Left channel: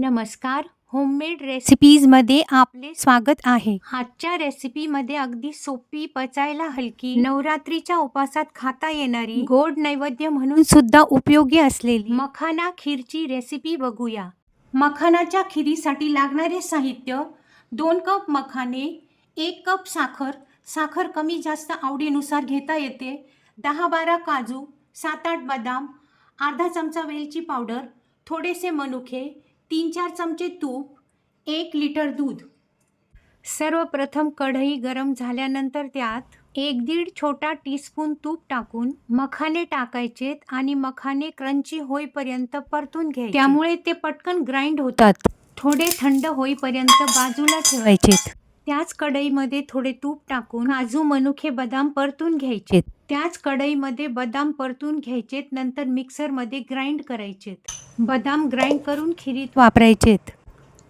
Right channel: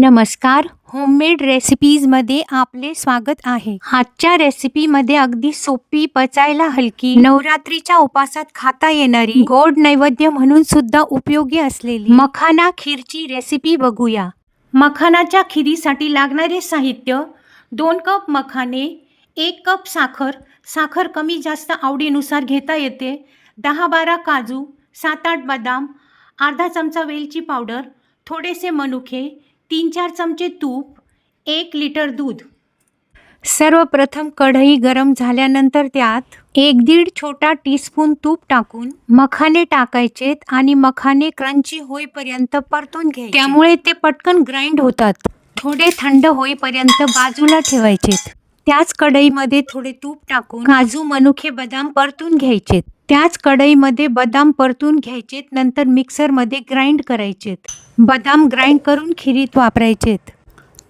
नमस्कार, होममेड रेसिपीजमध्ये आपले स्वागत आहे. आजच्या रेसिपीमध्ये अगदी सोपी, पचायला हलकी, नवरात्रीच्या उपासात खाता येणारी, गोड नैवेद्य म्हणून सुद्धा उपयोगी असलेली मखाना खीरची रेसिपी बघूया. मखानाच्या खीरीसाठी लागणारे साहित्य: 2 कप मखाने, 1 कप साखर. साखर कमी जास्त आवडीनुसार घेता येते. 10-12 काजू, 7-8 बदाम, अर्धा चमचा वेलची पावडर, थोडेसे मनुके, 3-4 चमचे तूप, 1 लिटर दूध. सर्वप्रथम कढई गरम झाल्यानंतर त्यात 1-1.5 छोटा टीस्पून तूप टाकून मखाने टाकायचेत आणि मखाने क्रंची होईपर्यंत परतून घ्यायचे. त्यामुळे ते पटकन ग्राइंड होतात. थोडे थंड होईपर्यंत बाजूला ठेवायचेत. त्याच कढईमध्ये थोडे तूप टाकून काजू, मनुके, बदाम परतून घ्यायचेत. त्याच कढईमध्ये बदाम परतून घ्यायचेत. नंतर मिक्सरमध्ये ग्राइंड करायचेत. बदाम ग्राइंड करून खीरीत वापरायचेत.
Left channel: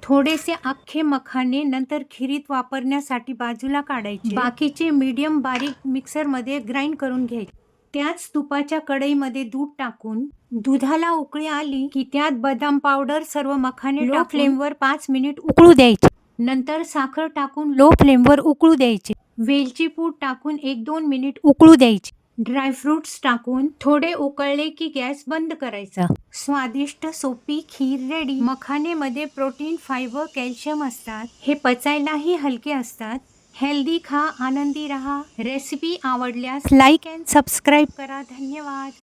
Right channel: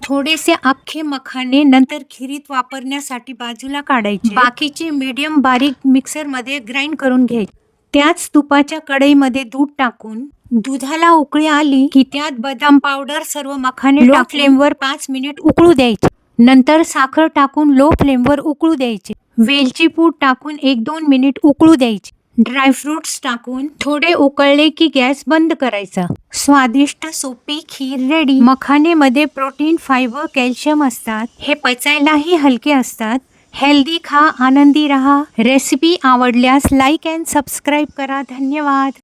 थोडेसे अख्खे मखाने नंतर खीरीत वापरण्यासाठी बाजूला काढायचे. बाकीचे मीडियम बारीक मिक्सरमध्ये ग्राइंड करून घ्यायचे. त्याच तुपाच्या कढईमध्ये दूध टाकून दुधाला उकळी आली की त्यात बदाम पावडर, सर्व मखाने लो फ्लेमवर 5 मिनिट उकळू द्यायचे. नंतर साखर टाकून लो फ्लेमवर उकळू द्यायचे. वेलची पूड टाकून 1-2 मिनिट उकळू द्यायचे. ड्रायफ्रुट्स टाकून थोडे उकळले की गॅस बंद करायचा. स्वादिष्ट सोपी खीर रेडी. मखानेमध्ये प्रोटीन, फायबर, कॅल्शियम असतात. हे पचायलाही हलके असतात. हेल्दी खा, आनंदी रहा. रेसिपी आवडल्यास लाईक अँड सबस्क्राईब करा. धन्यवाद.